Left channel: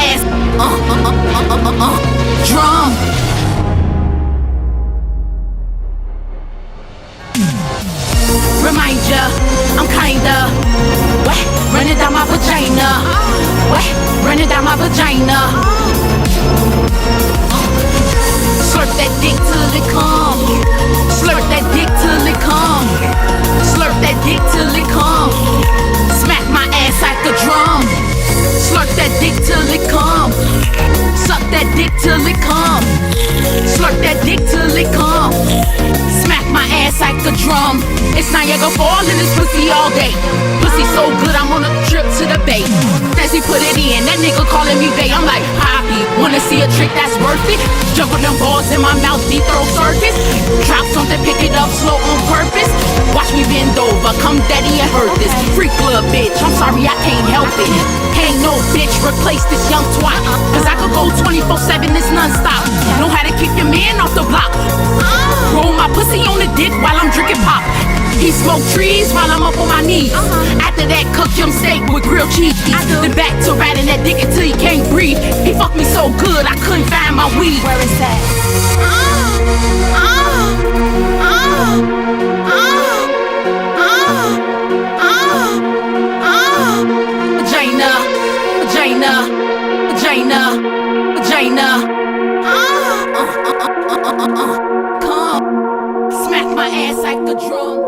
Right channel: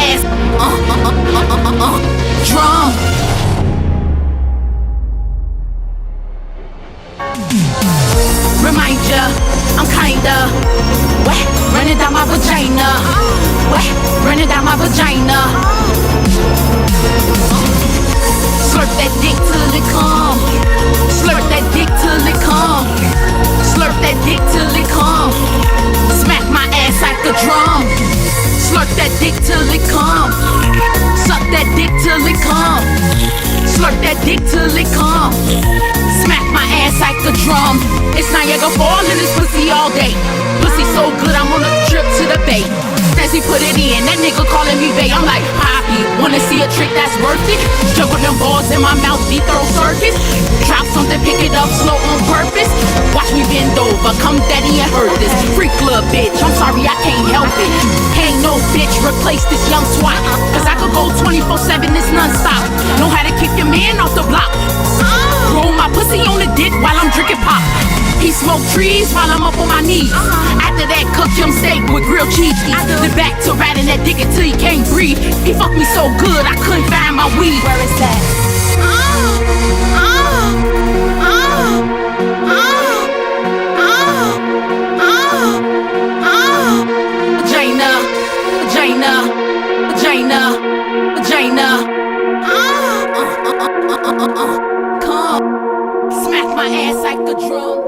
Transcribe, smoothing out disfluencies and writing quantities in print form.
ass, drum. Remind ya, I'm kinda wet, running down my vagina. Wet, running down my vagina. Slurp that dick till it come. Slurp that dick till it come. Slurp that dick till it come. Smack my ass like a drum. Slurp that dick till it come. Suck that dick till it come. Slurp that dick till it come. Smack my ass like a drum. It's Niagara Falls in this pussy all day. Pussy so good, I'm on a trip to the bay. As he put it in, that nigga calling me bae. I'm like, Poppy, wanna see a trick that's worth it? Juggle them balls in my mouth, deep throat circus. Drop something, pick it up slow on purpose. Watch me bend over, come daddy and hurt this. Freak club bitch, I'm sorry I can't help it. Ain't no bitch, replace this young twat. Cause I could go 24/7, it's non-stop. Know how to kick your man off the block. Roll my pussy on the dick while I'm drinking pop. He smoke trees while I'm up on my knees. After that, cook him steak with grilled cheese. Then back to riding that dick until he can't breathe. He fucked me so good, I couldn't find my weed. Where is that? Vagina, vagina, vagina, vagina. Come, smack my ass like a drum.